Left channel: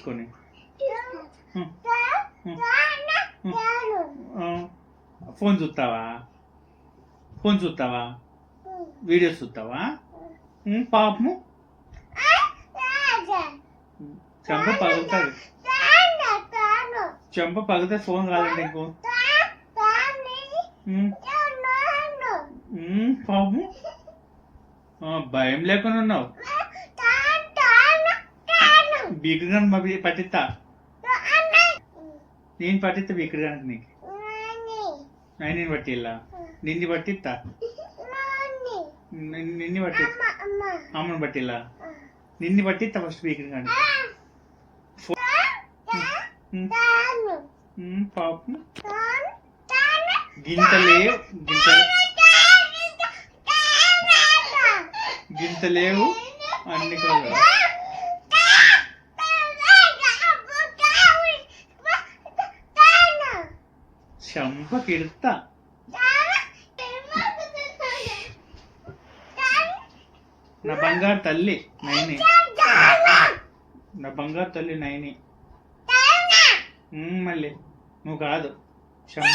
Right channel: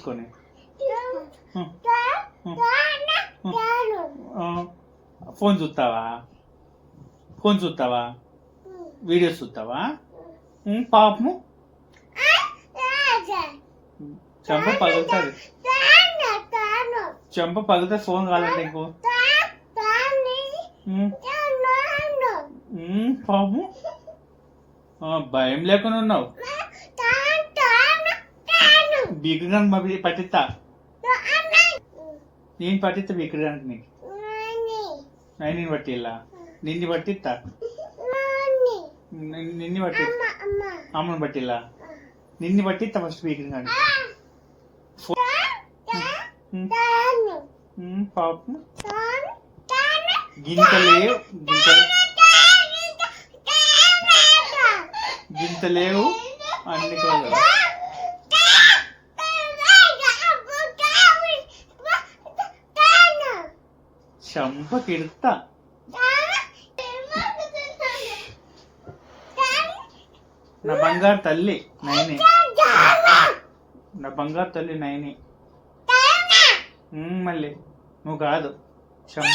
తీసుకొని ఫోన్ చూస్తావా వీడియోస్ చూస్తావా పాపము చెంప పగులుతుంది ఫోన్ కాదండి ఇంకో పాపము భయం లేకుండా ఉన్నావు బీకగా పట్టిస్తా నేను పట్టిస్తా బీకడానికి నీకు నేను పట్టిల్లా నిన్ను పట్టిస్తా నిన్ను పట్టి అమ్మను పట్టిల్లా నిన్ను పట్టిస్తా ఫస్ట్ బీకర్ కానీ పాపం గింత లేవు అన్ని కాదు చంపకిడుతా నా బంగారు తల్లి నైని మళ్ళీ నువ్వు కాదు చంప